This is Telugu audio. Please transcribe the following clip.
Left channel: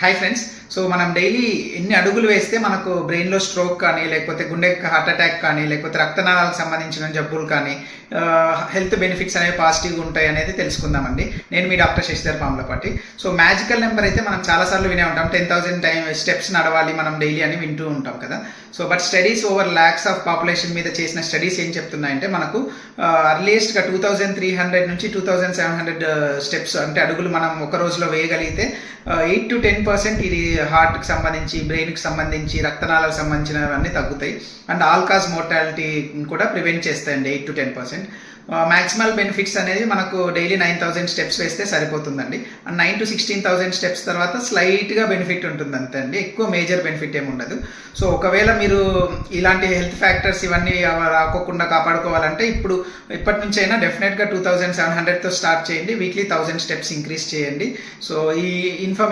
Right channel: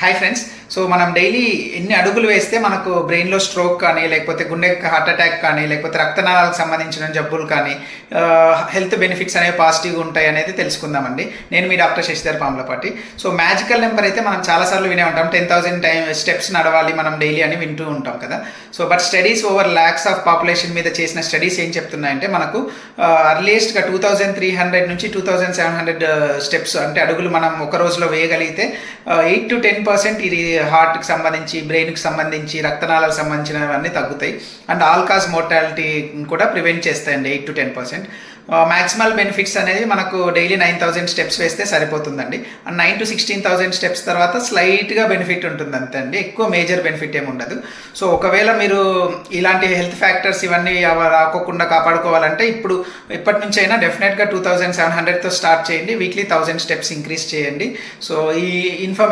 Hi friends. సో మనం డైలీ ఎన్ని అడుగులు వేస్తే మనకు బ్రెయిన్లో స్ట్రోక్ కానీ, లేకపోతే గుండె హార్ట్ అటాక్ కానీ, లేకపోతే రక్తనాళాలకు సంబంధించిన జబ్బులు కానీ, హెల్త్ బెనిఫిట్స్ అనేవి పాజిటివ్గా ఉంటాయి అనేది తెలుసుకుందామండి. నేను మీ doctor Sasidhar Pamulapati. So magical number అయితే మనం చాలాసార్లు వినే ఉంటాం, 10,000 స్టెప్స్ నడవాలి మనం డైలీ అని వింటూ ఉంటాం కదా. So but studies over lakhs of population మీద చేసిన స్టడీస్ ఏం చెప్తున్నాయంటే, మనకు అర్లియస్ట్గా 2,300 నుంచి 2,700 స్టెప్స్ అంటే అడుగులు మనం ఒక రోజులో వేయగలిగితే 8 to 10% ఇది హార్ట్కి సంబంధించి, బ్రెయిన్కి సంబంధించి, రక్తనాళాలకు సంబంధించినవన్నీ తగ్గుతాయి. అండ్ ఆల్ కాజ్ మోర్టాలిటీ కూడా ప్రివెంట్ చేస్తాయండి 8 to 10%. మ్యాక్సిమల్ బెనిఫిట్స్ అనేది మనకు డైలీ 9,000 స్టెప్స్ వేస్తే సరిపోతుందండి. అండ్ 9 to 16,000 స్టెప్స్ తర్వాత స్లైట్గా బెనిఫిట్ ఉంటుంది అంతే అండి, ఎక్కువ మేజర్ బెనిఫిట్ ఏమి ఉండదు. సో ఒకవేళ మీరు ఇలాంటి హెల్త్ ఫ్యాక్టర్స్ ఇవన్నీ రాకోకుండా కాపాడుకోవాలంటే ఇప్పటి నుంచి అయినా డెఫినెట్గా 2,700తో స్టార్ట్ చేయండి. వీక్లీ 1,000 స్టెప్స్ ఇంక్రీజ్ చేయండి. సో ఈ ఇన్ఫర్మేషన్